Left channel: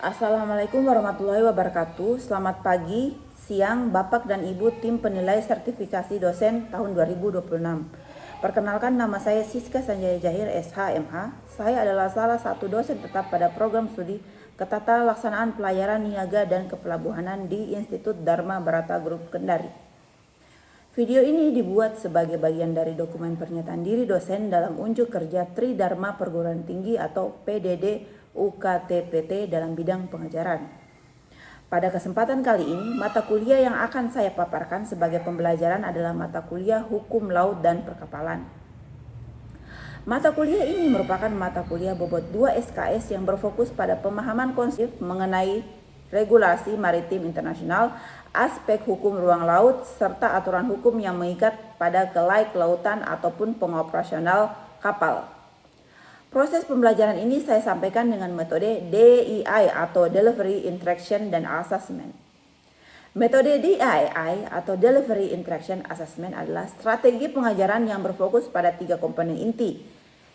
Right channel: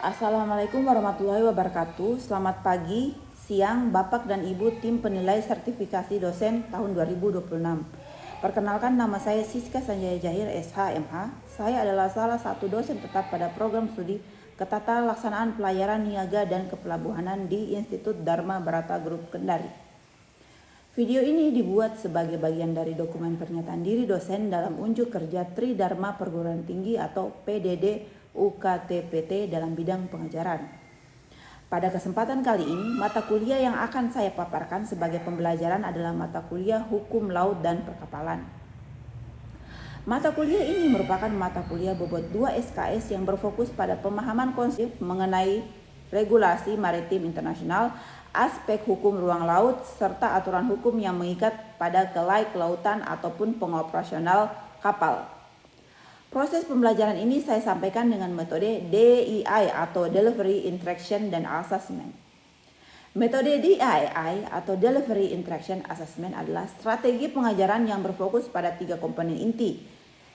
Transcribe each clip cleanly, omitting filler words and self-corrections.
Assalamualaikum warahmatullahi wabarakatuh. Selamat pagi, siang, Bapak dan Ibu tim penilai sertifikasi dosen tahun 2026. Perkenalkan, nama saya Siska Sanjaya Jahir SH.MH. Saya adalah salah satu dosen tetap pada program studi Ketata Laksanaan Pelayaran Niaga dan Kepelabuhanan di Institut Dharma Barata Group Kendari. Video ini dibuat sebagai bagian dari dokumen pernyataan diri dosen dalam unjuk kerja Tridharma Perguruan Tinggi atau PDD UKTPT dalam bidang pengajaran. Pada kesempatan kali ini, mata kuliah yang akan saya paparkan sebagai pembelajaran adalah mata kuliah Hukum Laut dan Perkapalan. Mata kuliah ini merupakan mata kuliah bobot 2 SKS yang berfokus pada pemahaman konsep mengenai regulasi maritim internasional, aspek hukum ruang laut, serta aturan hukum yang mengikat pada kelautan ataupun pengoperasional kapal. Proses pembelajaran ini saya sampaikan dengan metode DII atau Delivery, Interaction, dan Assessment. Metode DII atau Delivery, Interaction, Assessment adalah strategi pengajaran yang berfokus pada 3 komponen inti:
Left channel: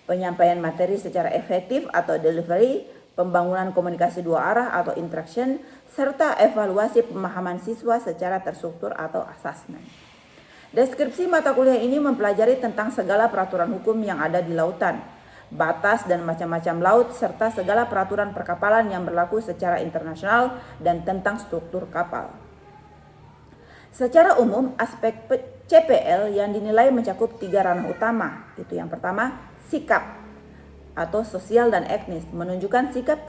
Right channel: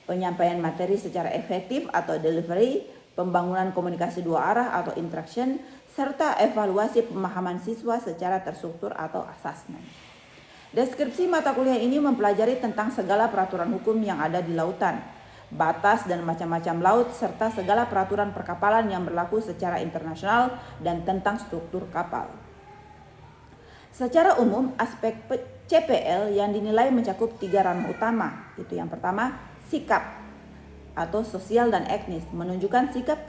penyampaian materi secara efektif atau delivery, pembangunan komunikasi 2 arah atau interaction, serta evaluasi pemahaman siswa secara terstruktur atau assessment. Deskripsi mata kuliah ini mempelajari tentang segala peraturan hukum yang ada di lautan, batas dan macam-macam laut, serta segala peraturan perkapalan yang berlaku secara internasional dan tentang struktur kapal. Secara umum, aspek CPL yang dinilai mencakup 3 ranah utama. Itu yang pertama, sikap atau sosial dan etnis, menunjukkan sikap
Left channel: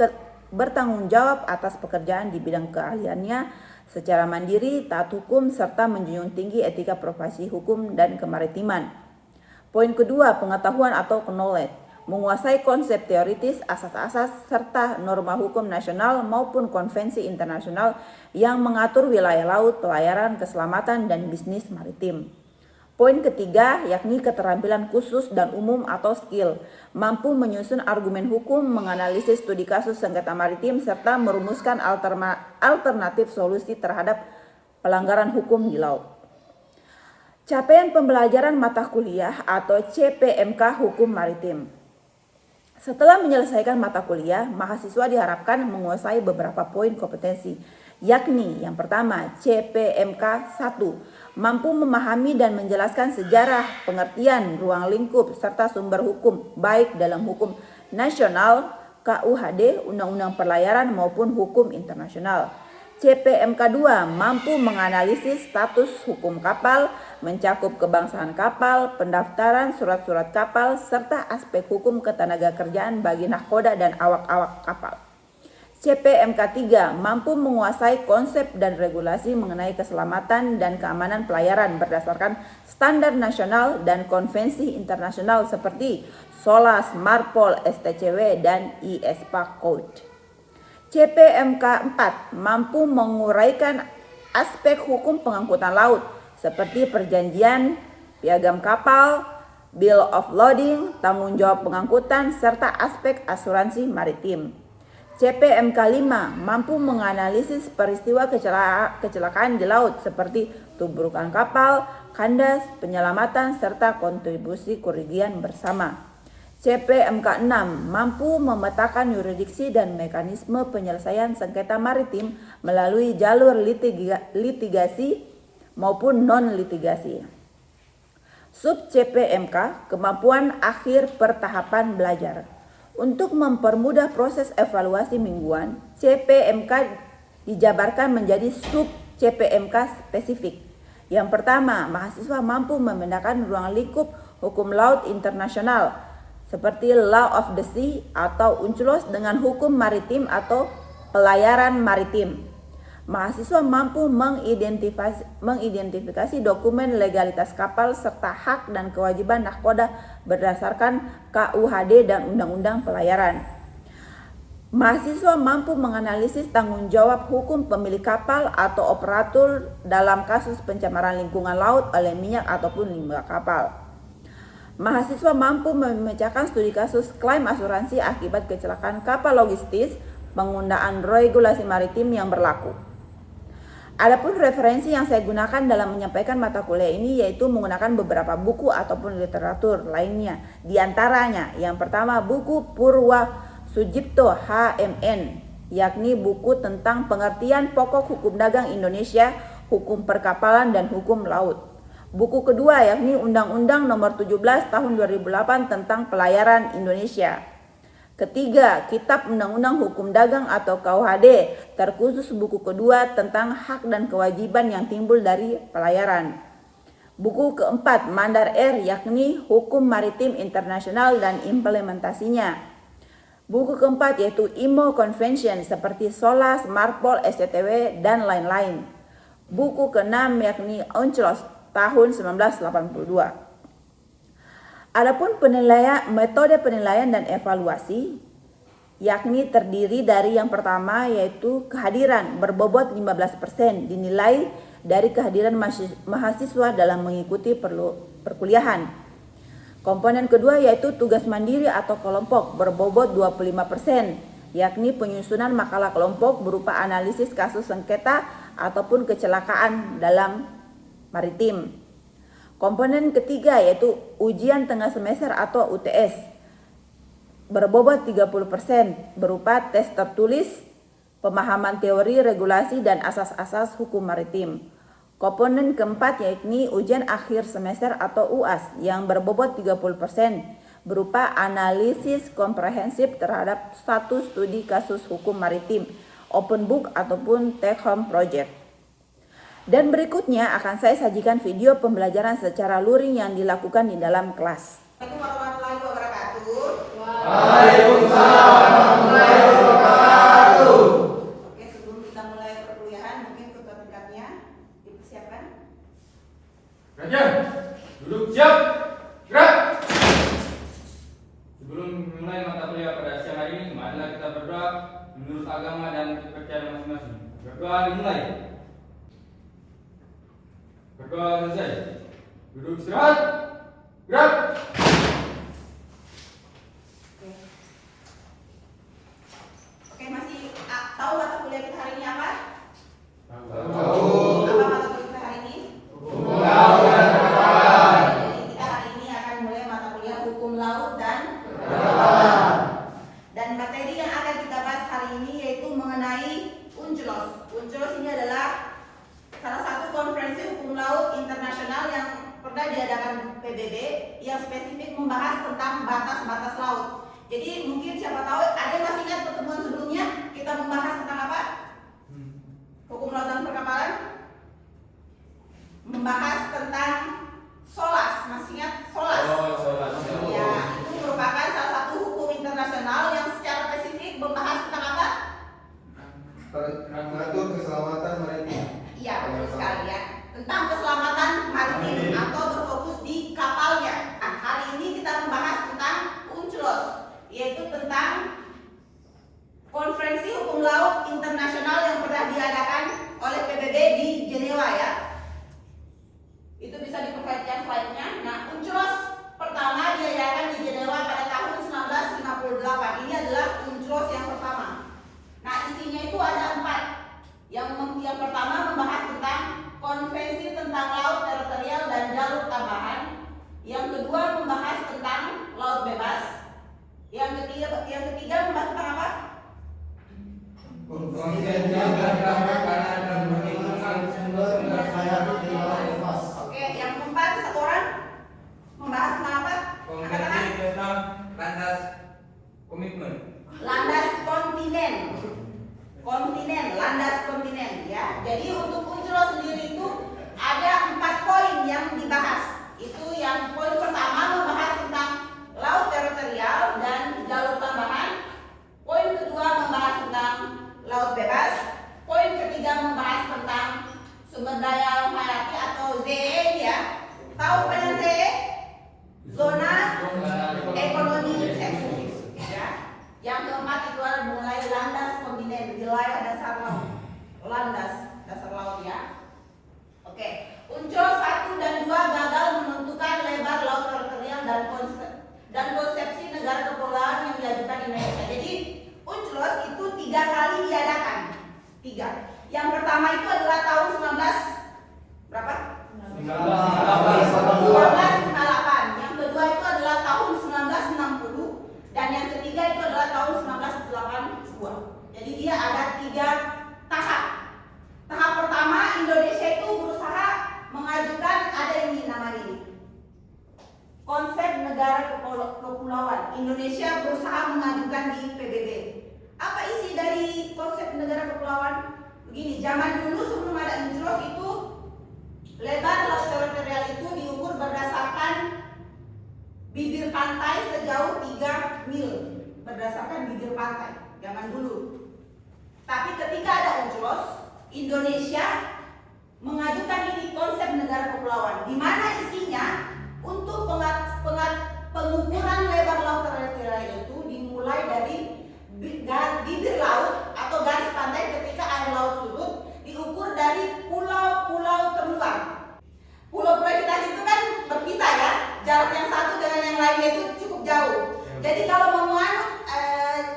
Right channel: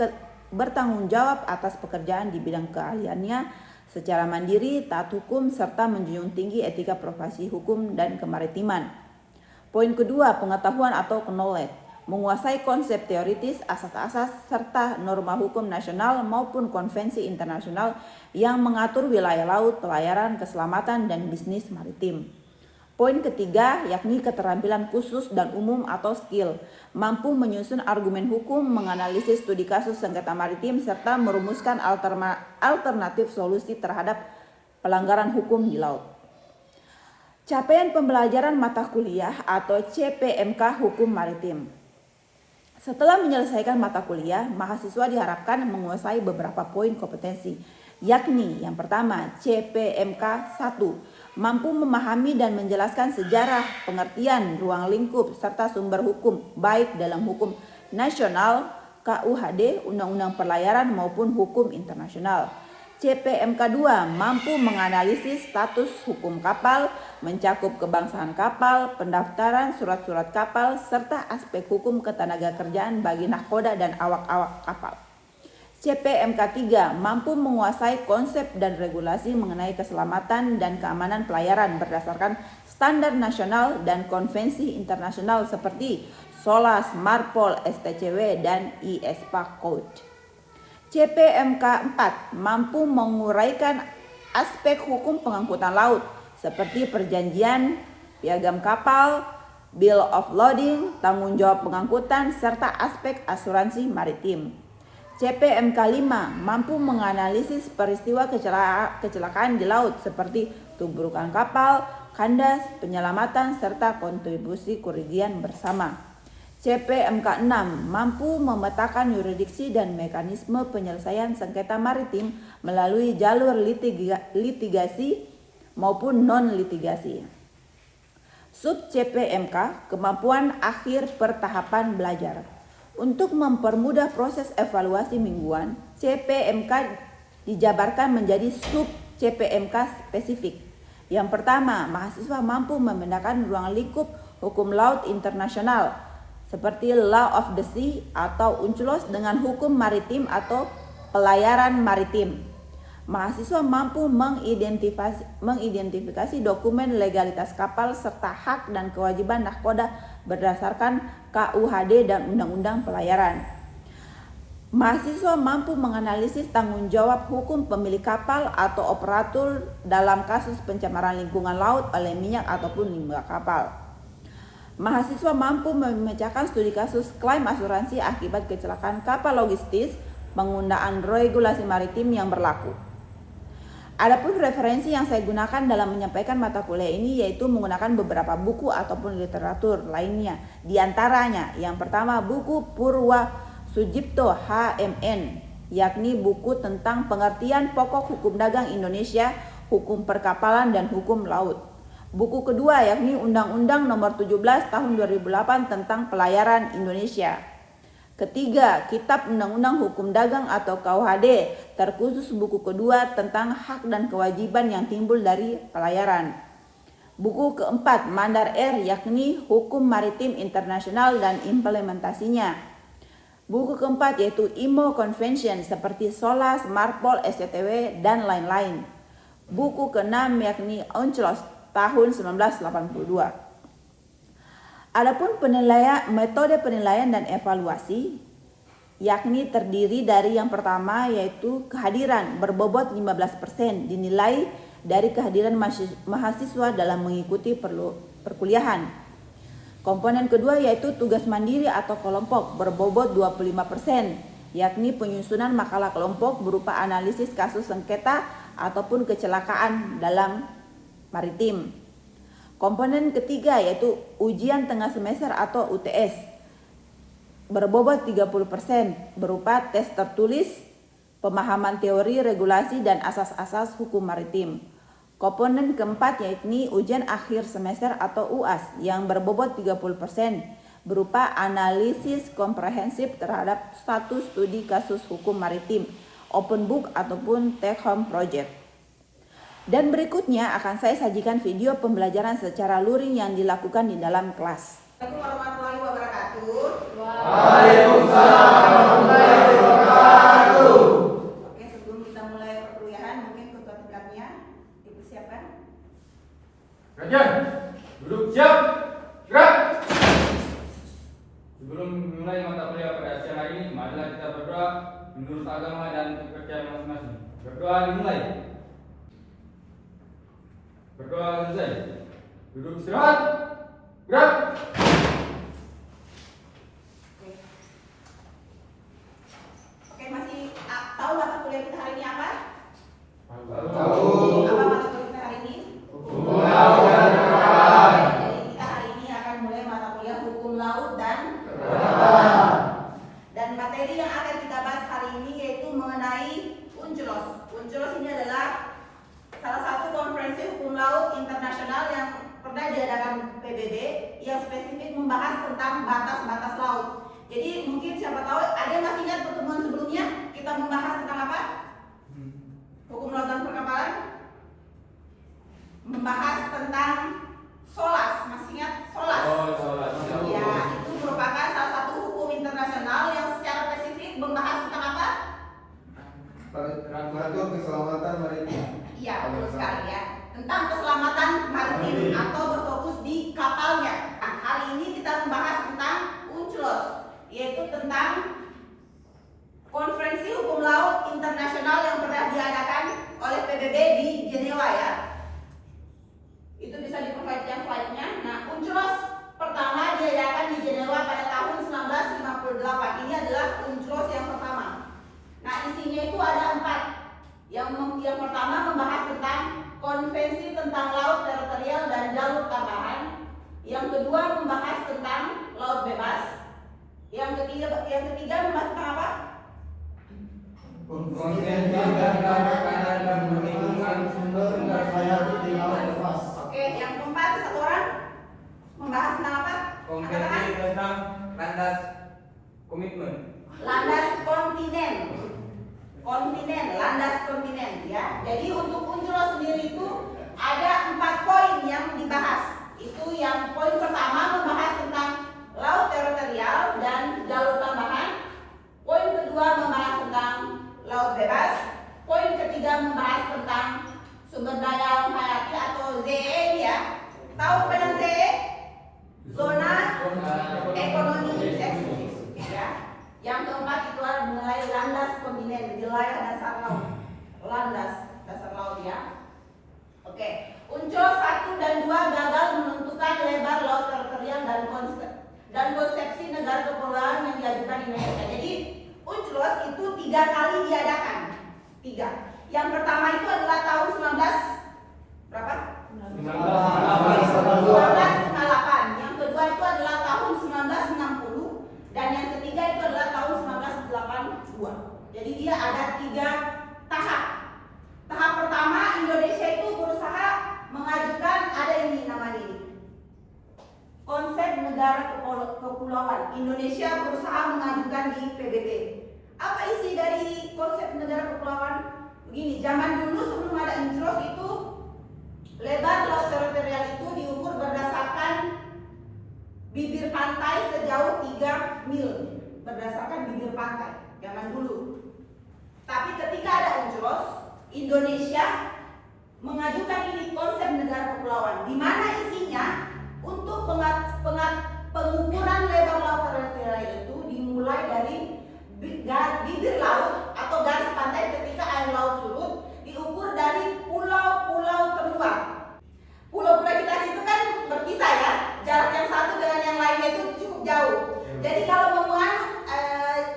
bertanggung jawab atas pekerjaan di bidang keahliannya secara mandiri, taat hukum, serta menjunjung tinggi etika profesi hukum dan kemaritiman. Poin kedua, pengetahuan atau knowledge, menguasai konsep teoritis, asas-asas, serta norma hukum nasional maupun konvensi internasional yang mengatur wilayah laut, pelayaran, keselamatan, dan bisnis maritim. Poin ketiga, yakni keterampilan khusus dan umum atau skill, mampu menyusun argumen hukum, menganalisis studi kasus sengketa maritim, serta merumuskan alternatif solusi terhadap pelanggaran hukum di laut. Capaian pembelajaran mata kuliah atau CPMK Hukum Maritim. Setelah menyelesaikan mata kuliah, mahasiswa diharapkan menguasai beberapa poin kompetensi, yakni yang pertama, CPMK 1, mampu memahami dan menjelaskan sejarah, pengertian, ruang lingkup, serta sumber hukum, baik dalam hukum nasional, KUHD, Undang-Undang Pelayaran maupun hukum internasional. CPMK 2, mampu menganalisis status hukum kapal, mencakup kebangsaan kapal, pendaftaran surat-surat kapal, serta aspek hukum ketenagakerjaan bagi nahkoda dan awak-awak kapal. CPMK 3, mampu menguasai konsep dan regulasi mengenai keselamatan dan keamanan pelayaran berdasarkan standar nasional dan konvensi internasional seperti SOLAS, MARPOL, STCW, dan ISPA Code. CPMK 4, mampu menguraikan aspek hukum pengangkutan laut seperti perjanjian, piagam kapal, bill of lading, tanggung jawab pengangkutan, serta aspek asuransi maritim. CPMK 5, mampu menganalisis peristiwa kecelakaan di laut seperti tubrukan kapal, kandas, penyelamatan, serta kontribusi kerugian bersama. CPMK 6, mampu memetakan yurisdiksi dan mekanisme penyelesaian sengketa maritim melalui jalur litigasi maupun non-litigasi. Sub CPMK, kemampuan akhir pertahapan belajar. Untuk mempermudah proses evaluasi mingguan, CPMK dijabarkan menjadi sub CPMK spesifik. Yang pertama, mahasiswa mampu membedakan ruang lingkup hukum laut internasional seperti Law of the Sea atau UNCLOS dengan hukum maritim atau pelayaran maritim. Mahasiswa mampu mengidentifikasi dokumen legalitas kapal serta hak dan kewajiban nahkoda berdasarkan KUHD dan Undang-Undang Pelayaran. Mahasiswa mampu menganalisis tanggung jawab hukum pemilik kapal atau operator dalam kasus pencemaran lingkungan laut oleh minyak ataupun limbah kapal. Mahasiswa mampu memecahkan studi kasus klaim asuransi akibat kecelakaan kapal logistis, penggunaan regulasi maritim yang berlaku. Adapun referensi yang saya gunakan dalam menyampaikan mata kuliah ini yaitu menggunakan beberapa buku ataupun literatur lainnya. Di antaranya, yang pertama buku Purwa Sujipto HMN yakni buku tentang pengertian pokok hukum dagang Indonesia, hukum perkapalan dan hukum laut. Buku kedua yakni Undang-Undang Nomor 17 Tahun 2008 tentang Pelayaran Indonesia. Ketiga, Kitab Undang-Undang Hukum Dagang atau KUHD, terkhusus buku kedua tentang hak dan kewajiban yang timbul dari pelayaran. Buku keempat, Mandar R, yakni Hukum Maritim Internasional dan Implementasinya. Buku keempat yaitu IMO Convention seperti SOLAS, MARPOL, SCTW, dan lain-lain. Buku keenam yakni UNCLOS tahun 1982. Adapun metode penilaian dan evaluasi yakni terdiri dari yang pertama yaitu kehadiran berbobot 15% dinilai dari kehadiran mahasiswa dalam mengikuti perkuliahan. Komponen kedua yaitu tugas mandiri atau kelompok berbobot 25%, yakni penyusunan makalah kelompok berupa analisis kasus sengketa ataupun kecelakaan dalam maritim. Komponen ketiga yaitu ujian tengah semester atau UTS berbobot 30% berupa tes tertulis, pemahaman teori, regulasi, dan asas-asas hukum maritim. Komponen keempat yakni ujian akhir semester atau UAS yang berbobot 30% berupa analisis komprehensif terhadap satu studi kasus hukum maritim, open book ataupun take home project. Dan berikutnya akan saya sajikan video pembelajaran secara luring yang dilakukan di dalam kelas. Assalamualaikum warahmatullahi wabarakatuh. Waalaikumsalam warahmatullahi wabarakatuh. Oke, sebelum kita mulai perkuliahan, mungkin ketua tingkatnya dipersiapkan. Rajan, duduk siap, gerak. Sebelum mulai mata kuliah pada siang hari ini, marilah kita berdoa menurut agama dan kepercayaan masing-masing. Berdoa dimulai. Berdoa selesai. Duduk istirahat. Gerak. Oke, masih tahu mata kuliah kita hari ini apa? Tahu. Apa mata kuliah kita hari ini? Hukum laut dan perkapalan. Jadi kita hari ini akan mulai mata kuliah hukum laut dan Perkapalan. Dan materi yang akan kita bahas hari ini yaitu mengenai UNCLOS. UNCLOS ini adalah salah satu konferensi hukum laut internasional yang pernah diadakan PBB yang spesifik membahas tentang batas-batas laut. Jadi mungkin siapa tahu ada yang masih ingat pertemuan sebelumnya kita membahas tentang apa? Hukum laut dan perkapalan. Membahas tentang SOLAS, masih ingat SOLAS? Oh, sholat. Ya, itu merupakan salah satu hukum internasional yang secara spesifik membahas tentang apa? Mengatur keselamatan maritim. Iya, betul sekali ya. Tentang keselamatan maritim atau berfokus di kapalnya. Nah, hari ini kita membahas tentang UNCLOS, yaitu tentang konferensi hukum laut internasional yang pernah diadakan oleh PBB di Jenewa ya. Itu bisa diperhatikan slide-nya. Nah, UNCLOS pertama diadakan di Jenewa pada tahun 1958. Ini adalah UNCLOS yang pertama. Nah, isinya itu ada 4. Yang pertama membahas tentang konvensi tentang laut teritorial dan jalur tambahan. Yang kedua membahas tentang laut bebas. Yang ketiga membahas tentang apa? Konvensi tentang makanan dan perlindungan sumber hayati di laut lepas. Oke, yang keempat satu orang membahas tentang apa? Konvensi tentang landas komitmen. Landas kontinen. Landas kontinen ya. Jadi untuk UNCLOS sendiri itu ada 4 poin yang dibahas. Itu yang poin pertama membahas tentang laut teritorial dan jalur tambahan. Poin kedua membahas tentang laut bebas. Poin ketiga membahas tentang sumber daya hayati atau ZEE ya. Tahu apa ZEE? Zona ekonomi eksklusif ya. Yang keempat itu adalah mulai landas kontinen, wilayah dasar laut. Landas dasar laut ya. Oke, UNCLOS 1 dan 2 gagal menentukan lebar laut teritorial dan konsepsi negara kepulauan yang diajukan Indonesia. Jadi UNCLOS itu 3 kali diadakan. 3. Yang pertama itu adalah tahun 19 berapa? 1958. Yang kedua itu adalah tahun 1960 dan yang ketiga itu adalah tahun 1982. Jadi dia kepulauan. Indonesia berusaha mengajukan di PBB. Apa isi dari konsep negara kepulauan? Begini, zaman dulu sebelum ada UNCLOS itu lebar laut teritorial itu diukur berdasarkan bibir pantai sejauh 3 mil, berdasarkan bibir pantai zaman dulu. Tapi ketika ada UNCLOS, Indonesia mengajukan ini konsep negara kepulauan, di mana isinya untuk pengukuran lebar laut teritorial itu dimulai dari bibir laut atau garis pantai ketika air laut surut, diukur dari pulau-pulau terluar. Pulau-pulau kita itu kan berpisah ya, jarak yang satu dengan yang lainnya itu cukup jauh. Jadi kalau mau menganut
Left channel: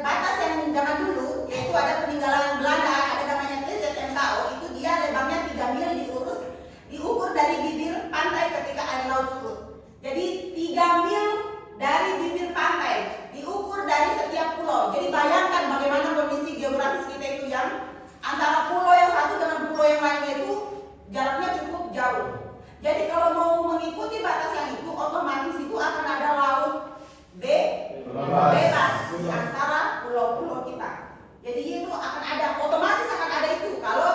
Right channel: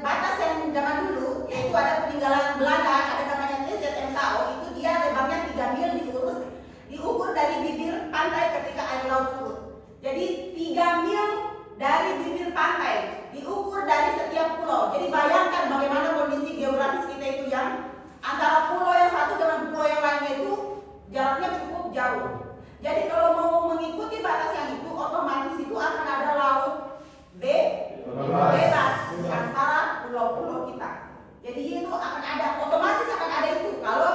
batas yang zaman dulu, yaitu ada peninggalan Belanda, ada namanya TZMKO, itu dia lebarnya 3 mil diukur dari bibir pantai ketika air laut surut. Jadi 3 mil dari bibir pantai diukur dari setiap pulau. Jadi bayangkan bagaimana kondisi geografis kita itu yang antara pulau yang satu dengan pulau yang lainnya itu jaraknya cukup jauh. Jadi kalau mau mengikuti batas yang itu, otomatis itu akan ada laut bebas di antara pulau-pulau kita. Jadi itu akan ada, otomatis akan ada itu kalau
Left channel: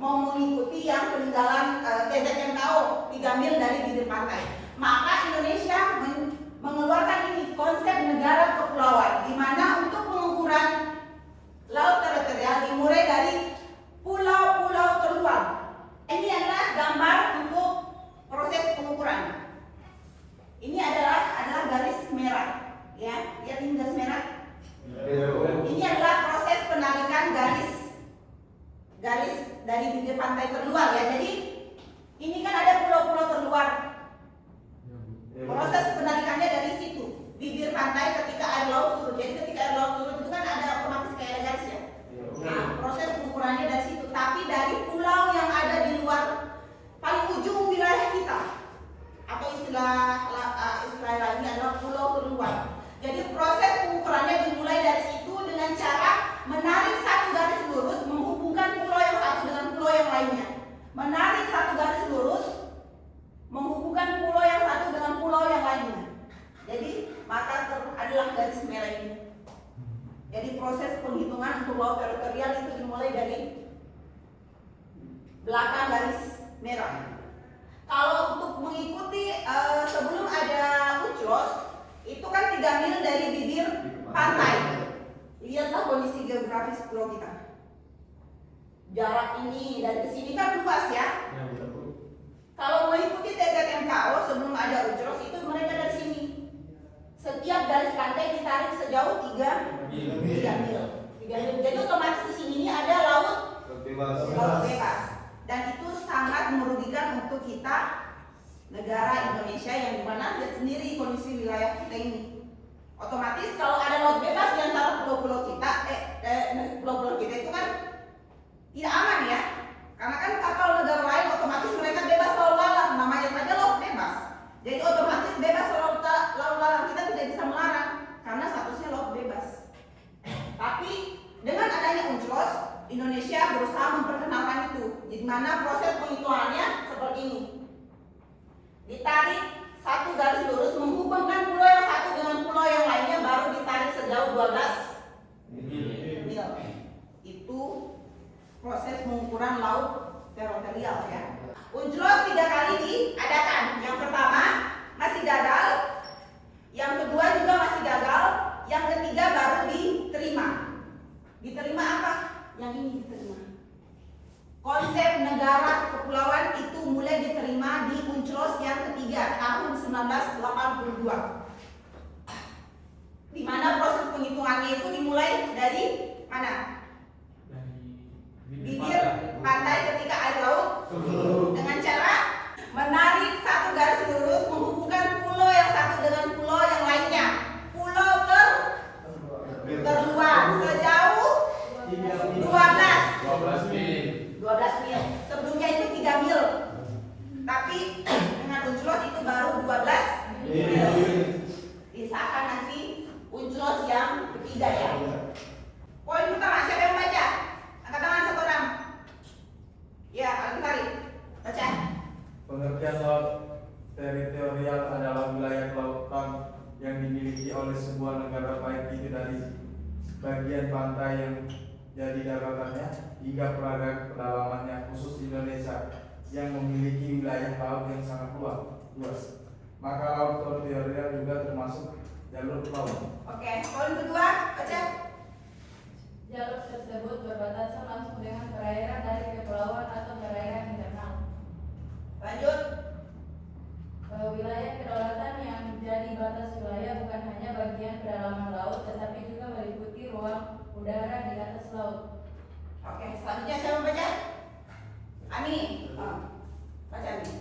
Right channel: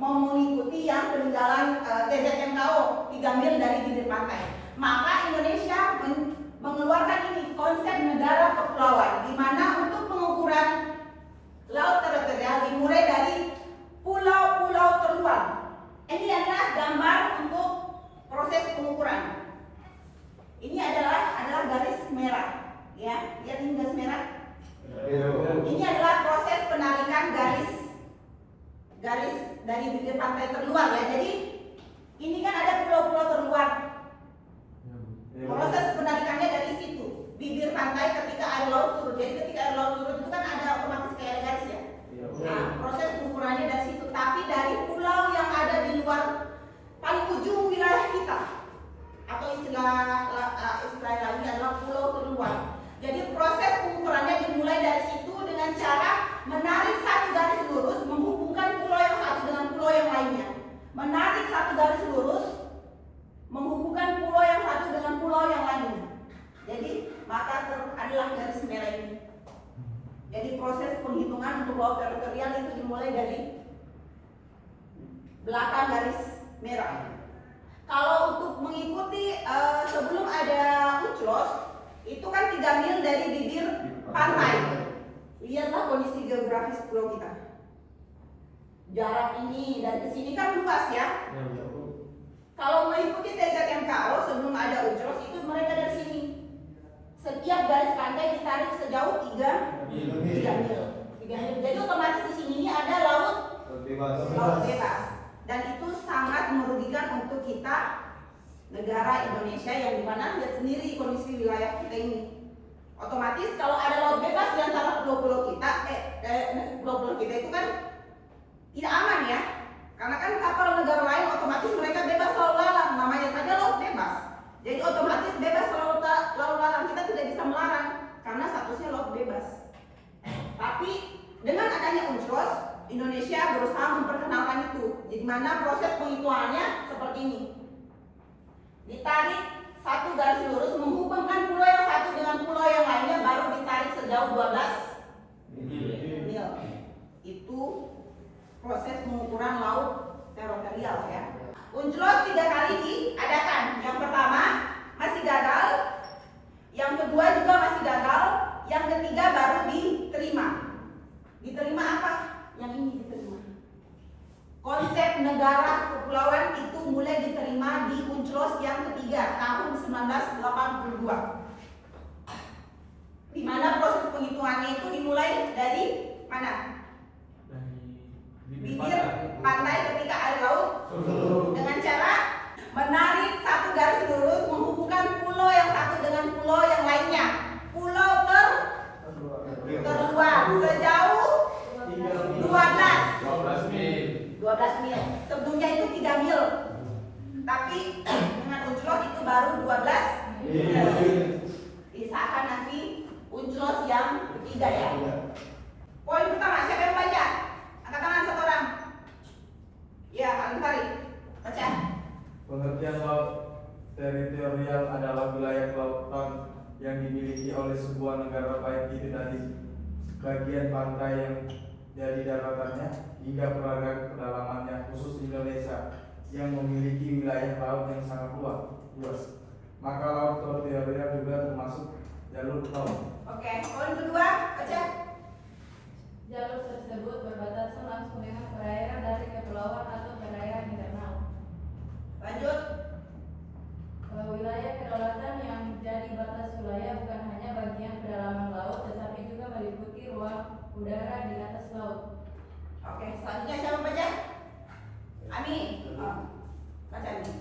mau mengikuti yang peninggalan TZMKO 3 mil dari bibir pantai. Maka Indonesia mengeluarkan ini konsep negara kepulauan, di mana untuk pengukuran laut teritorial dimulai dari pulau-pulau terluar. Ini adalah gambar untuk proses pengukuran. Ini adalah garis merah, ya. Lihat ini garis merah. Ini adalah proses penarikan garis dari bibir pantai terluar, ya. Jadi ini kan ada pulau-pulau terluar. Proses penarikannya dari situ, bibir pantai ketika air laut surut. Jadi ketika air laut surut itu kan ada otomatis kayak garis ya. Nah, proses pengukurannya dari situ. Tapi dari pulau yang ada di luar paling ujung wilayah kita, atau istilah lainnya adalah pulau terluar. Jadi proses pengukurannya dimulai dari situ dengan cara menarik satu garis lurus menghubungkan pulau yang satu dengan pulau yang lainnya. Menarik satu garis lurus menghubungkan pulau yang satu dengan pulau yang lainnya. Jadi maka adalah garis merah ini. Jadi proses penghitungan untuk laut teritorial itu dimulai dari belakang garis merah. Kalau untuk mengikuti sebelum ada UNCLOS itu kan 3 mil dari bibir pantai. Lihatlah kondisi geografis pulau kita. Jarak ini dari kesini kan luas ya. Kalau mengikuti TZMKO sebelum ada UNCLOS itu mereka dari sini. Setiap garis pantai ditarik sejauh 3 mil. Jadi otomatis di sini ini ada laut bebas. Dan itu sangat merugikan untuk kita, negara Indonesia, yang dimana lihat sendiri kondisi wilayah kita ini. Otomatis kalau ada laut bebas di antara pulau-pulau kita, pulau-pulau kita itu kan tidak aman ya. Karena kan kapal negara lain otomatis mereka bebas lalu lalang, namanya saja laut bebas. Jadi otomatis bebas lalu lalang, kita tidak bisa melarang karena statusnya laut bebas. Tapi dengan adanya UNCLOS, Indonesia berusaha memperkenalkan itu. Di mana proses penghitungannya seperti ini. Ditarik satu garis lurus menghubungkan pulau yang satu dengan pulau yang lainnya, baru ditarik sejauh 12 mil. Itu proses pengukuran laut teritorial ya. UNCLOS 3 kali diadakan. Yang pertama masih gagal, yang kedua juga masih gagal, yang ketiga baru diterima. Diterima apa? Yang ini diterima. Konsep negara kepulauan itu mulai diterima di UNCLOS yang ketiga tahun 1982. Di mana proses penghitungannya itu dimulai dari mana? Bibir pantai ketika air laut dengan cara menarik satu garis lurus menghubungkan pulau yang satu dengan pulau yang lainnya. Pulau terluar sejauh 12 mil. Sebelumnya itu 3 mil. Tapi dengan UNCLOS itu baru 12 mil. Disahkan nanti UNCLOS yang ketiga ya. Poin pertama, siapa yang baca? Angkat tangan satu orang. Ya, Al-Ghifari. Baca. Pengertian laut teritorial adalah wilayah kelautan yang dimiliki bagian pantai yang jadi daratannya hingga pedalamannya khusus Indonesia yang memiliki wilayah laut yang sangat luas. Maka laut teritorial juga termasuk jalur laut. Oke, poin kedua, baca. Jalur tersebut berbatasan langsung dengan perairan dari kepulauan atau perairan internal. Lanjut. Wilayah kedaulatan yang jadi batas wilayah bukan hanya bagian pedalaman laut, tetapi juga meliputi ruang udara di atas laut. Oke, selanjutnya siapa baca? Ani. Baca Ani.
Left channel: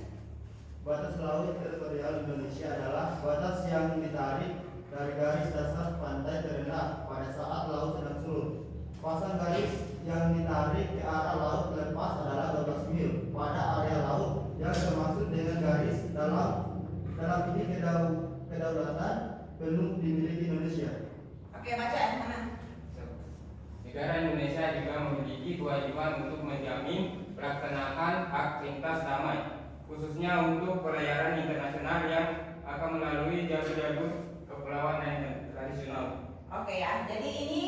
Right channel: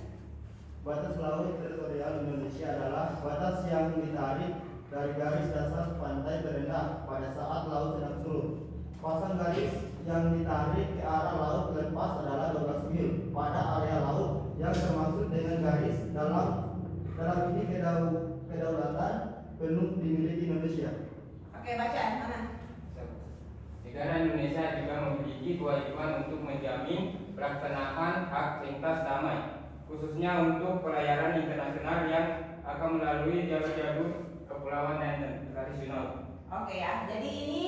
Batas laut teritorial Indonesia adalah batas yang ditarik dari garis dasar pantai terendah pada saat laut sedang surut. Pasang garis yang ditarik ke arah laut lepas adalah 12 mil pada area laut yang termasuk dengan garis dalam ini kedaulatan penuh dimiliki Indonesia. Oke, baca mana? Negara Indonesia juga memiliki kewajiban untuk menjamin pelaksanaan hak lintas damai, khususnya untuk pelayaran internasional yang akan melalui jalur-jalur kepulauan dan tradisional. Oke ya, jadi ini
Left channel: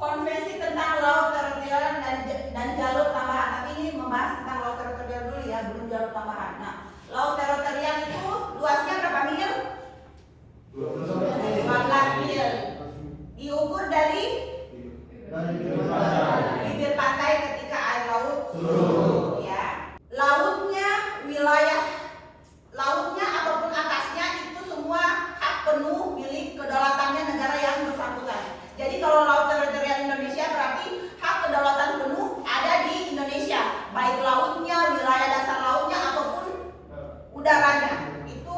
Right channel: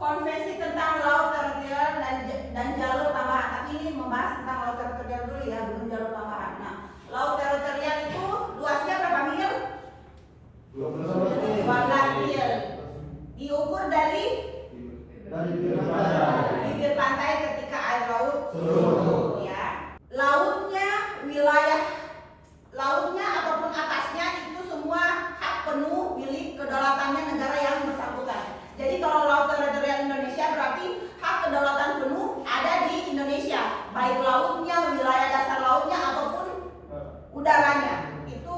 konvensi tentang laut teritorial dan jalur tambahan. Tapi ini membahas tentang laut teritorial dulu ya, belum jalur tambahan. Nah, laut teritorial itu luasnya berapa mil? 12 mil. Diukur dari bibir pantai ketika air laut surut ya. Lautnya ataupun atasnya itu semua hak penuh milik kedaulatannya negara yang bersangkutan. Jadi kalau laut teritorial Indonesia berarti hak kedaulatan penuh ada di Indonesia, baik lautnya, wilayah dasar lautnya ataupun udaranya. Itu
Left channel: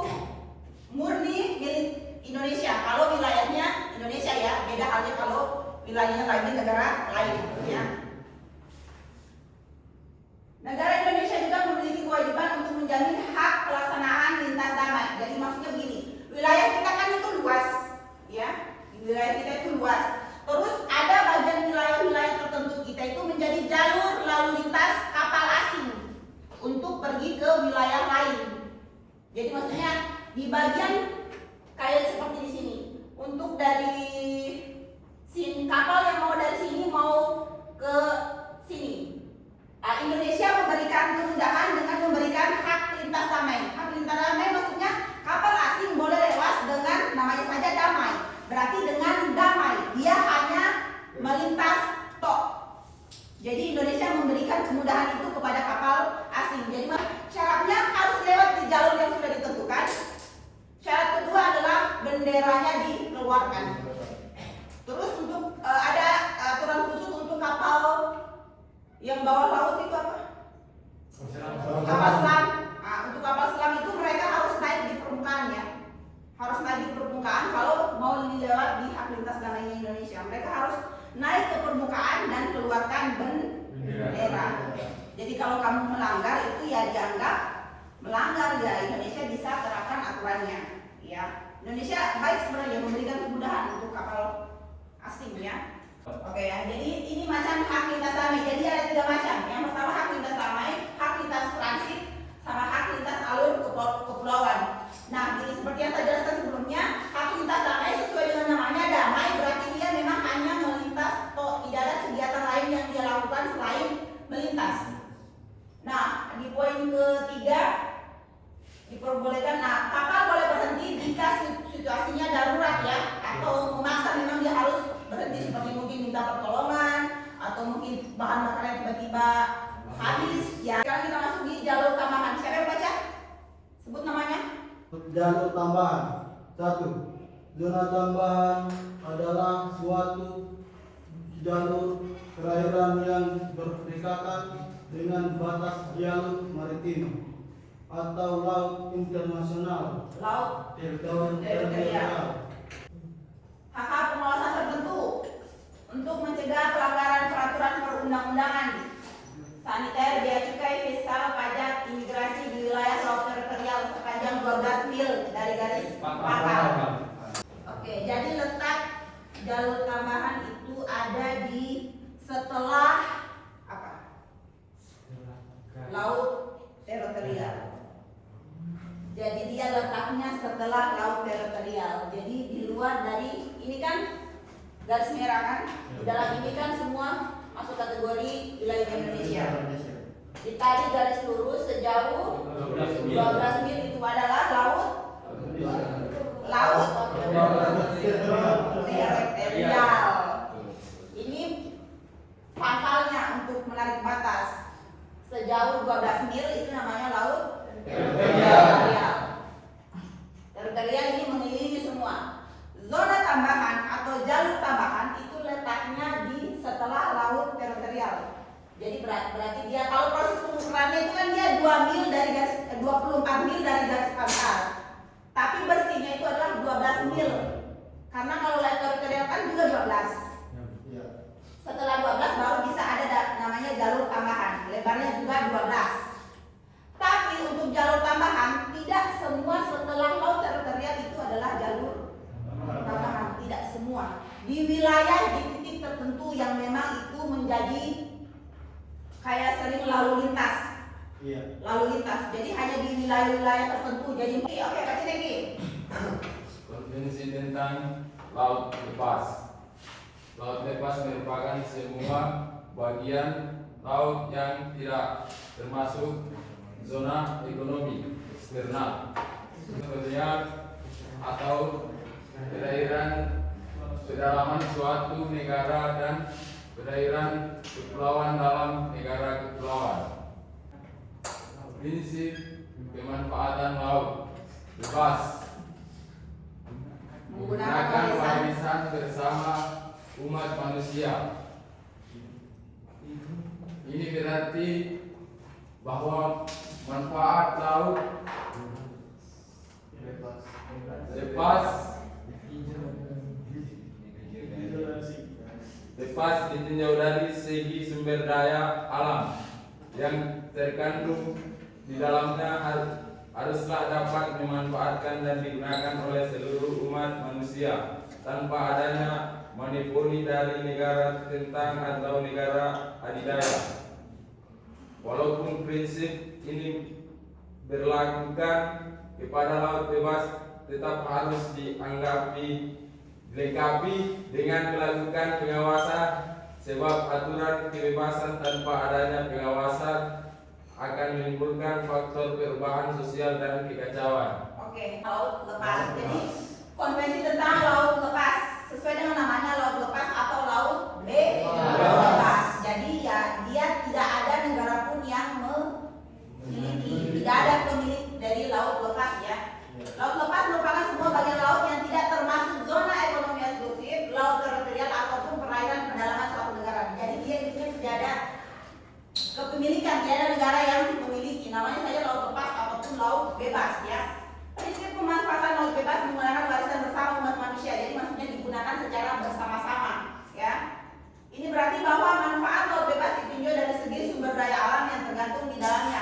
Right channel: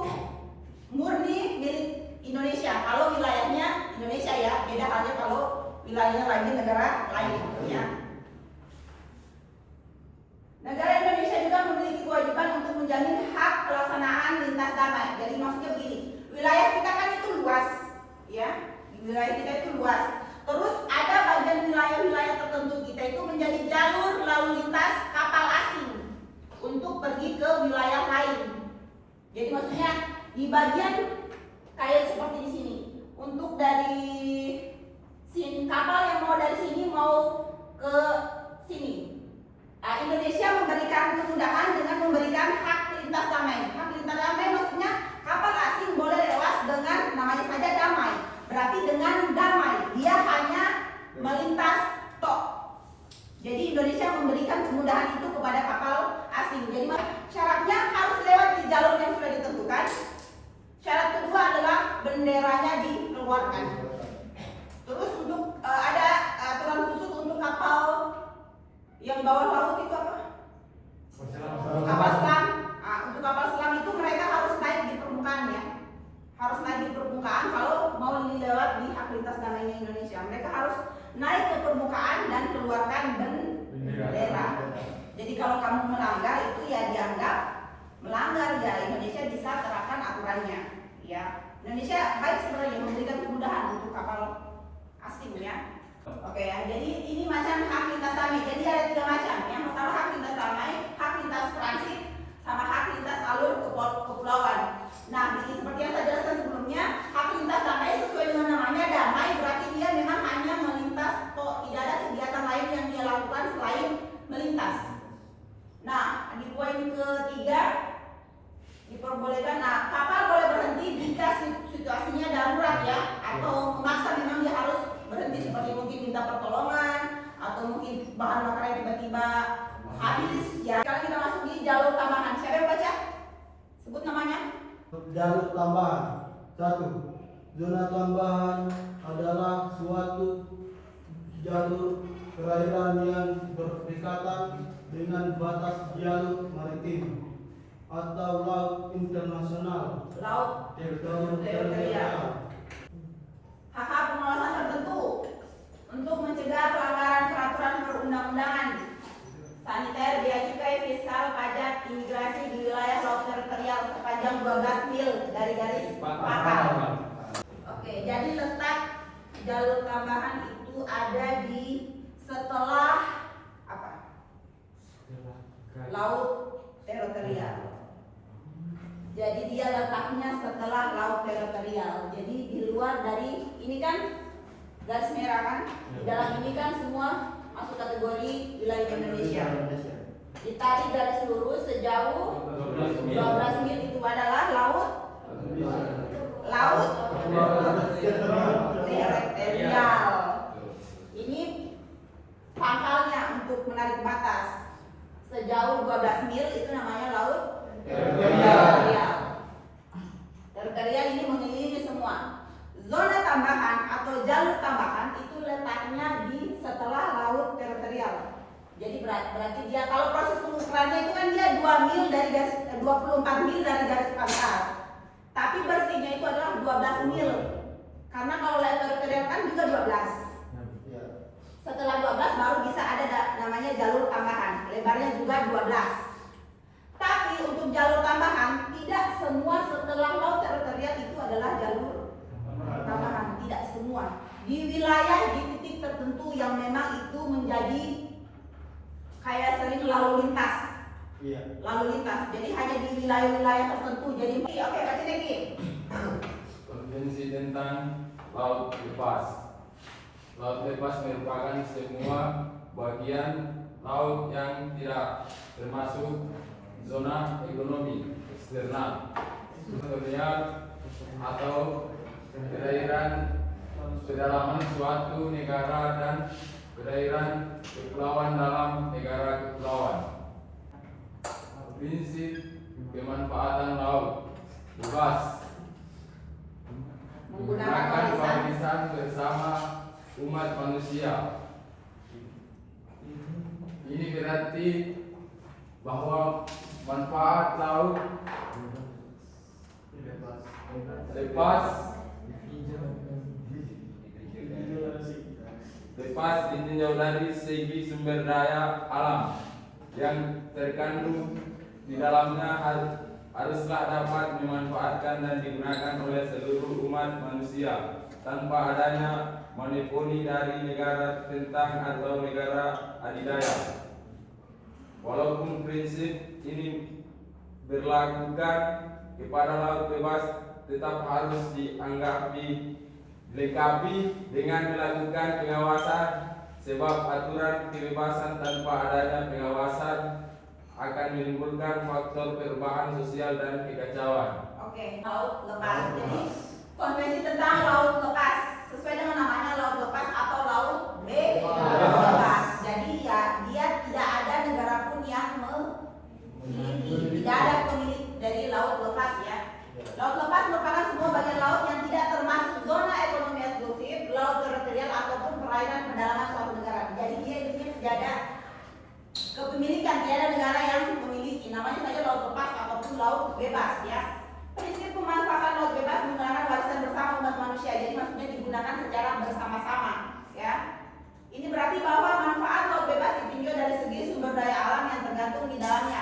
murni milik Indonesia. Kalau wilayahnya Indonesia ya, beda halnya kalau wilayahnya lainnya negara lain ya. Negara Indonesia juga memiliki kewajiban untuk menjamin hak pelaksanaan lintas damai. Jadi maksudnya begini, wilayah kita kan itu luas, ya, wilayah kita itu luas. Terus ada bagian wilayah-wilayah tertentu kita itu menjadi jalur lalu lintas kapal asing untuk pergi ke wilayah lain. Jadi maksudnya di bagian kayak seperti di sini, untuk dari sini kapal yang mau dari sini mau ke sini. Indonesia memberikan kemudahan dengan memberikan hak lintas damai. Hak lintas damai maksudnya kapal asing boleh lewat dengan namanya saja damai. Berarti dengan damai dia hanya melintas tok. Jadi Indonesia memberikan kemudahan itu kepada kapal asing. Jadi syaratnya harus lewat di jalur yang sudah ditentukan. Syarat kedua adalah benderanya dikeluarkan. Terus untuk ada aturan khusus untuk kapal yang bawah laut itu apa? Kapal selam. Untuk kapal selam itu mereka harus naik di permukaan ya. Harus naik di permukaan kalau mau lewat di hak lintas damainya Indonesia. Mereka harus naik ke permukaan dan keluarkan bendera. Jadi kalau kamu melanggar itu ya dianggap melanggar ya, Indonesia bisa terapkan aturannya. Ya, Indonesia baik sebenarnya memberikan kemudahan untuk kapal asing ya. Oke ya, jadi ini macam hak lintas damai. Jadi ada 3 macam. Yang pertama hak lintas damai, hak lintas transit, sama hak lintas alur kepulauan. Nah, jadi seperti yang saya jelaskan sebelumnya, hak lintas damai sesuai dengan namanya damai, berarti dia memang hanya melintas, atau tidak ada kegiatan lain yang dia lakukan selain melintas. Nah, di poin ketiga diperbolehkan. Nah, kapal boleh berhenti jika situasinya darurat ya, atau memaksa memang dia harus berhenti seperti mungkin minta pertolongan atau mungkin bahan makanan tiba-tiba habis ya. Sekarang kita masuk di jalur tambahan. Siapa yang baca? Sebut namanya. Jalur tambahan. 1. Zona tambahan adalah suatu jalur perairan yang berdekatan dengan batas jalur maritim atau laut internasional. Laut teritorial. hak pengawasan tertentu untuk mencegah pelanggaran peraturan perundang-undangan, saniter, bea cukai, fiskal, pajak, imigrasi di wilayah laut teritorial sepanjang 12 mil dari garis pangkal. Oke, jadi letak jalur tambahan itu ada di setelah apa? Laut teritorial. Jadi dia letaknya setelah laut teritorial. Jadi di luar dari ini kan garis merah kan? Di dalam ini kan semua masuk kategori wilayah Indonesia. Ditarik garis lurus sejauh 12 mil itu adalah laut teritorial. Ini pangkalnya untuk menarik batas. Sejauh 12 mil itu namanya laut teritorial. Teritorial ini mengelilingi semua. Zona tambahan atau jalur tambahan itu letaknya di setelah laut teritorial. Jadi berarti dia kalau proses pengukurannya itu kan dia 2 mil dari garis 24 mil dari garis pangkal. Tapi bersihnya itu adalah 12 mil. Karena kalau laut teritorial kan juga 12. Setelah 12 baru bisa ada namanya jalur tambahan. Lebarnya juga 12. Tapi untuk jalur tambahan tidak semua setelah laut teritorial itu adalah jalur tambahan, tidak semua. Di wilayah di titik tertentu yang memang itu menjadi kayak sering lalu lintas. Lalu lintas. Jadi hanya di wilayah-wilayah tertentu. Jadi oke, kasih lagi. Konvensi tentang laut lepas. Laut lepas merupakan semua bagian laut yang tidak termasuk zona ekonomi eksternal, teritorial atau perairan kedalaman suatu negara dan perairan kepulauan dalam negara kepulauan. Prinsip pemanfaatan laut bebas menggunakan warisan bersama umat manusia. Ini berarti bahwa manfaat laut lepas ditinjau dari segi sumber daya alam yang terkandung di dalamnya haruslah dapat dimanfaatkan dan digunakan oleh seluruh umat manusia tanpa adanya monopoli dari negara tertentang atau negara adidaya. Walaupun prinsip ini berlakukan kepada laut bebas, tetap harus dilengkapi dengan melakukan pengawasan, sebab aturan kebebasan tanpa adanya pengawasan akan menimbulkan faktor perubahan sosial dan kekacauan. Oke, laut lepas. Jadi konvensi tentang laut lepas sesuai dengan namanya laut lepas atau laut bebas. Jadi ya dia tidak ada negara pun yang memiliki, tidak ada pemilik dari laut lepas ya. Laut lepas merupakan semua bagian laut yang tidak termasuk zona ekonomi eksklusif, laut teritorial ataupun perairan pedalaman suatu negara. Jadi dia tidak ada kepemilikan, tidak ada negara yang memiliki. Namanya saja laut lepas ataupun laut bebas ya. Prinsip pemanfaatan laut bebas menggunakan warisan bersama umat manusia. Jadi maksudnya digunakan secara bersama-sama ya. Ini berarti bahwa manfaat laut bebas ditinjau dari segi sumber daya alam yang tergantung di dalamnya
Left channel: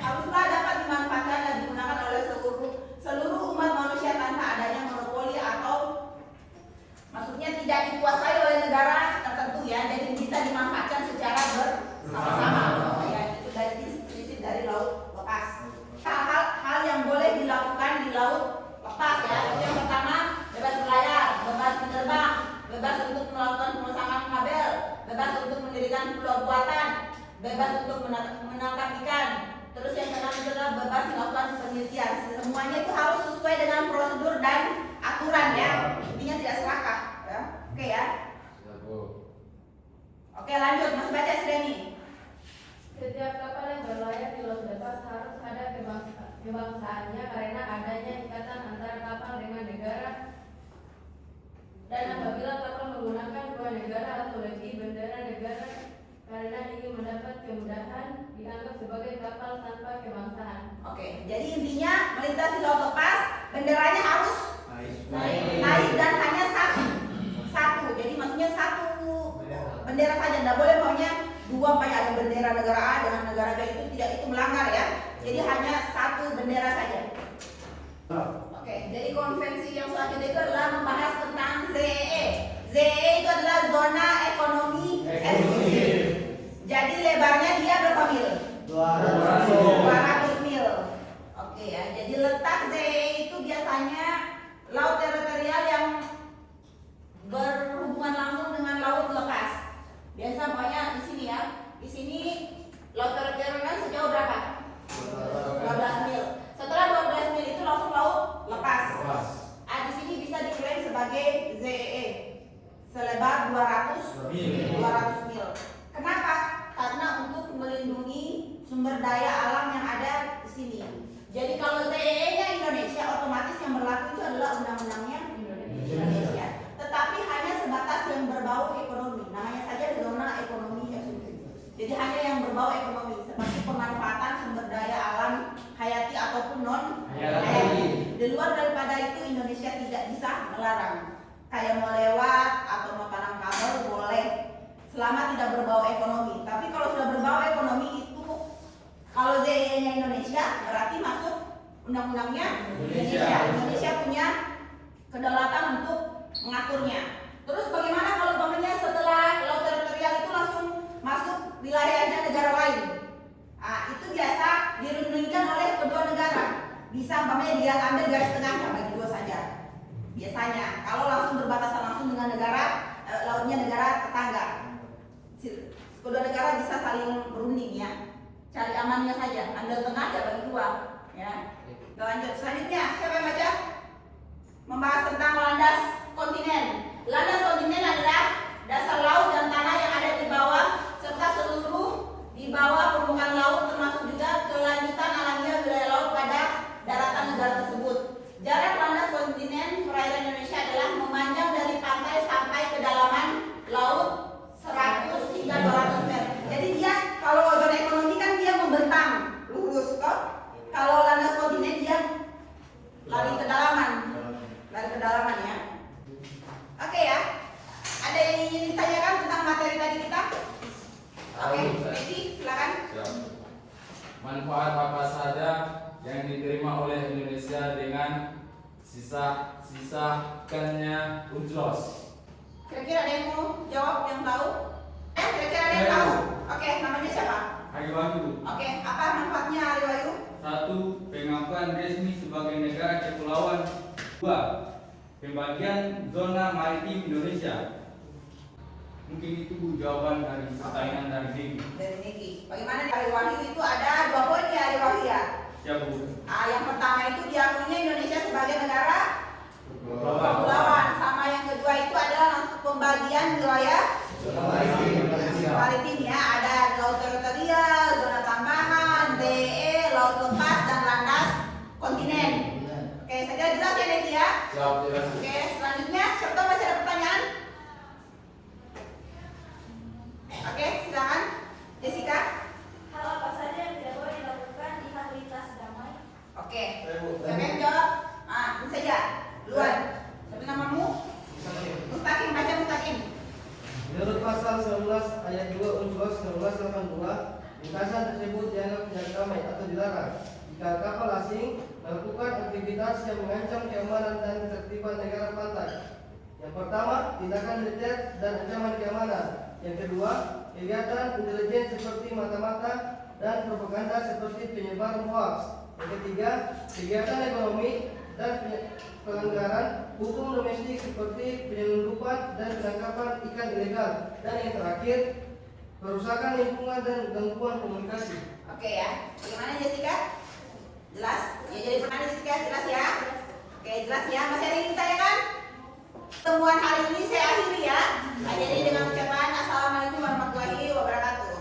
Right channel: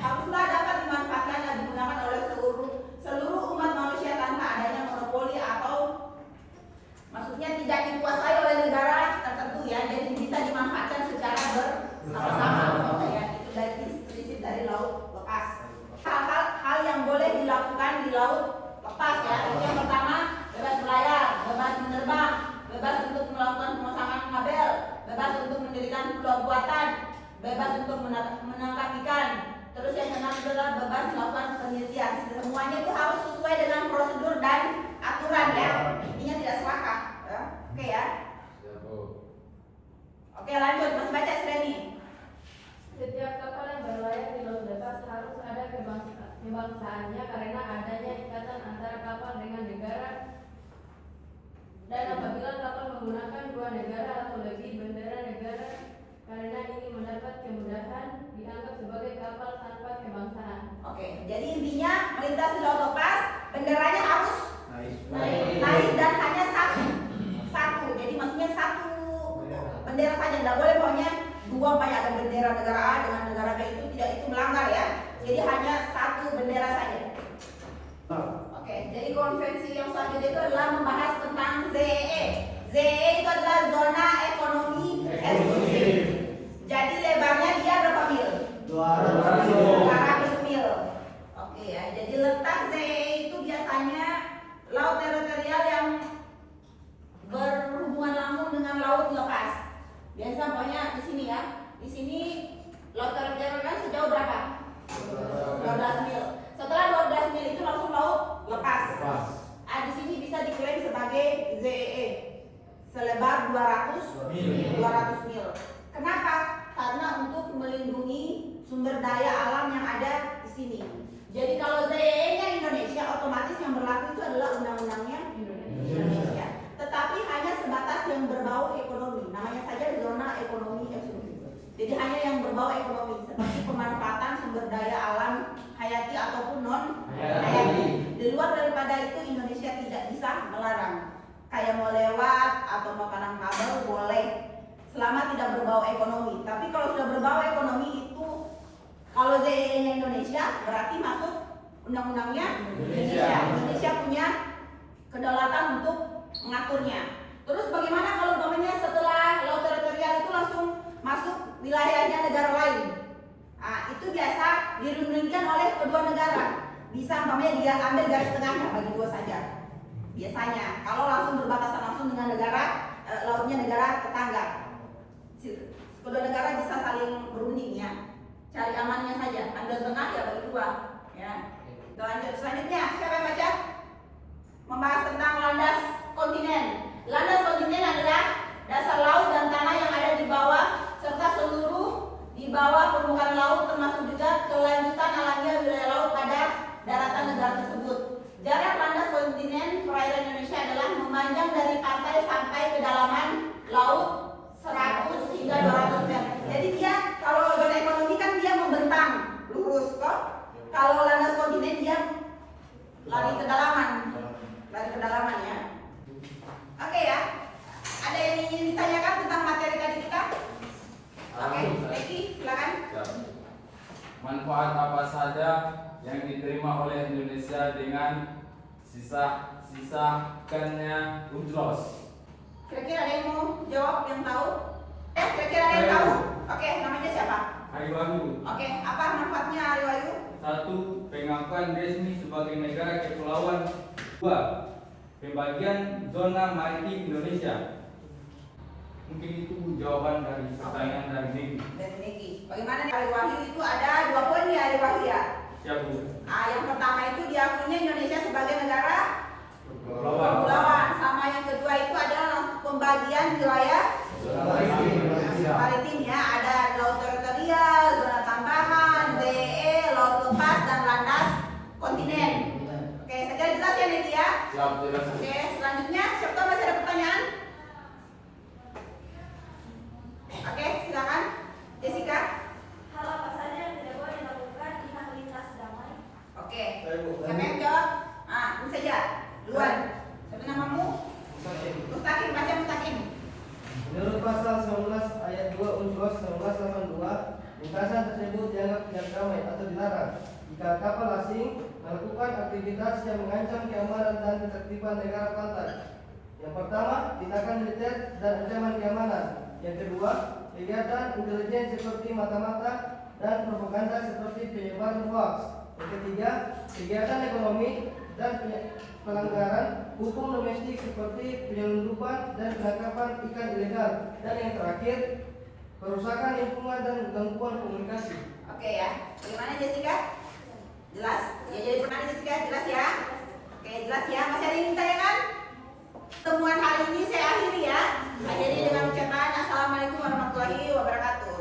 haruslah dapat dimanfaatkan dan digunakan oleh seluruh umat manusia tanpa adanya monopoli atau maksudnya tidak dikuasai oleh negara tertentu ya. Jadi bisa dimanfaatkan secara bersama-sama ya. Itu dari prinsip dari laut lepas. Hal yang boleh dilakukan di laut lepas ya. Yang pertama, bebas berlayar, bebas menerbang, bebas untuk melakukan pemasangan kabel, bebas untuk mendirikan pulau buatan, bebas untuk menangkap ikan. Terus yang keenam itu adalah bebas melakukan penelitian. Semuanya itu harus sesuai dengan prosedur dan aturan ya. Intinya tidak serakah ya. Oke ya. Oke lanjut, masih baca Sreni. Setiap kapal yang berlayar di laut lepas harus ada kebangsaannya karena adanya ikatan antara kapal dengan negara. Dan apabila kapal menggunakan dua negara atau lebih bendera negara, karena ini mendapat kemudahan dianggap sebagai kapal tanpa kebangsaan. Oke, jadi intinya melintasi laut lepas benderanya harus naik dan hanya satu. Jadi maksudnya satu bendera saja, tidak boleh pokoknya dua kayak ada bendera negara A dengan negara B itu melanggar ya. Jadi hanya satu bendera saja. Oke, jadi konvensi yang selanjutnya itu adalah membahas tentang ZEE. ZEE itu adalah zona ekonomi eksklusif. Jadi lebarnya dia berapa mil? 200 mil. Oke ya, jadi letak ZEE itu biasanya laut teritorial yang berhubungan dengan laut lepas. Biasa pokoknya di sini ya. Di sini laut teritorial kan sejauh berapa? 12 mil. Setelah 12 mil itu langsung laut lepas. Di sini bisa diklaim sebagai ZEE selebar 200 mil. Kenapa? Karena untuk melindungi sumber daya alam yang ada di sini. Jadi kalau ZEE-nya Indonesia, otomatis yang berlaku itu adalah undang-undangnya Indonesia. Tetapi hanya sebatas yang berbau ekonomi. Namanya saja zona ekonomi eksklusif. Jadi hanya yang berbau ekonomi, seperti pemanfaatan sumber daya alam hayati ataupun non hayati. Di luar daripada itu Indonesia tidak bisa melarang. Kayak mau lewat atau mau tanam kabel boleh, selama tidak berbau ekonomi. Tapi kalau sudah berbau ekonomi itu, kalau ZEE-nya Indonesia berarti masuk undang-undangnya Indonesia. Indonesia punya kedaulatan untuk mengaturnya. Terus bagaimana kalau umpamanya setelah laut teritorial itu langsung masuk wilayahnya negara lain? Itu biasa dirundingkan oleh kedua negara. Bisa umpamanya dia ambil garis tengahnya bagi dua saja. Biasanya kalau langsung berbatasan langsung dengan negara lautnya negara tetangga, kedua negara bisa saling berunding ya. Cari amannya saja, ambil tengah ya bagi dua ya. Lanjut selanjutnya, siapa yang baca? Membahas tentang landas kontinen. Landas kontinen adalah dasar laut dan tanah yang ada di bawah serta seluruh di bawah permukaan laut, termasuk juga kelanjutan alamiah wilayah laut pada daratan negara tersebut. Jarak landas kontinen perairan Indonesia adalah memanjang dari pantai sampai kedalaman laut 100 hingga 200 meter. Jadi dia kalau zona ekonomi kan dia membentang lurus toh. Kalau landas kontinen dia lari kedalaman ya. Oke ya. Ada yang ingin ditanyakan tentang materi tadi kita? Oke, Betty, silakan. Manfaat apa saja yang diterima oleh Indonesia dengan sisa-sisakannya UNCLOS? Kira-kira ada yang mau jawab yang tahu? Kira-kira ada yang tahu? Oke, namanya siapa? Ariwayu. Oke, apa manfaatnya Ariwayu? 1. Pengakuan resmi sebagai negara kepulauan. 2. Pembagian zona maritim Indonesia. Mungkin itu jawaban dari pertanyaan dari Niki. Dari Niki. Bagaimana nih Ariwayu itu ada 2 poin ya Ariwayu ya? Ya Bu. Yang pertama itu diakuinya Indonesia sebagai negara kepulauan. Sama yang kedua itu adalah langsung pembagian wilayah maritim ya. Ada laut teritorial, zona tambahan, ZEE, laut lepas dan landas kontinen. Oke, saja jelas ya Niki ya? Jelas. Oke, selanjutnya siapa tahu masih ada pertanyaan? Oke, silakan Jessica. Hal apa saja yang tidak boleh dilakukan di lalu lintas damai? Oke, siapa yang jawab? Ini saja, duluan. Siapa namamu? Mustaqim, baca Mustaqim. Menurut pasal 11 ayat 2 UNCLOS 1982, lintasan tersebut dianggap tidak damai atau dilarang jika kapal asing melakukan aktivitas yang mengancam keamanan dan ketertiban negara pantai. Yang pertama, tindakan militer dan ancaman keamanan. Yang kedua, kegiatan intelijen seperti mata-mata dan propaganda seperti penyebaran hoax. Yang ketiga, kegiatan ekonomi dan pelanggaran hukum domestik seperti penyelundupan dan penangkapan ikan ilegal. Dan yang terakhir, perusakan lingkungan dan gangguan komunikasi. Oke ya, gimana Jessica? Jelas? Ya jadi pertanyaan Jessica, jelas ya? Oke, jelas ya. Masih ada yang ditanyakan? Pertemuan hari ini saya akhiri ya. Jadi dengan ucapan Assalamualaikum warahmatullahi wabarakatuh.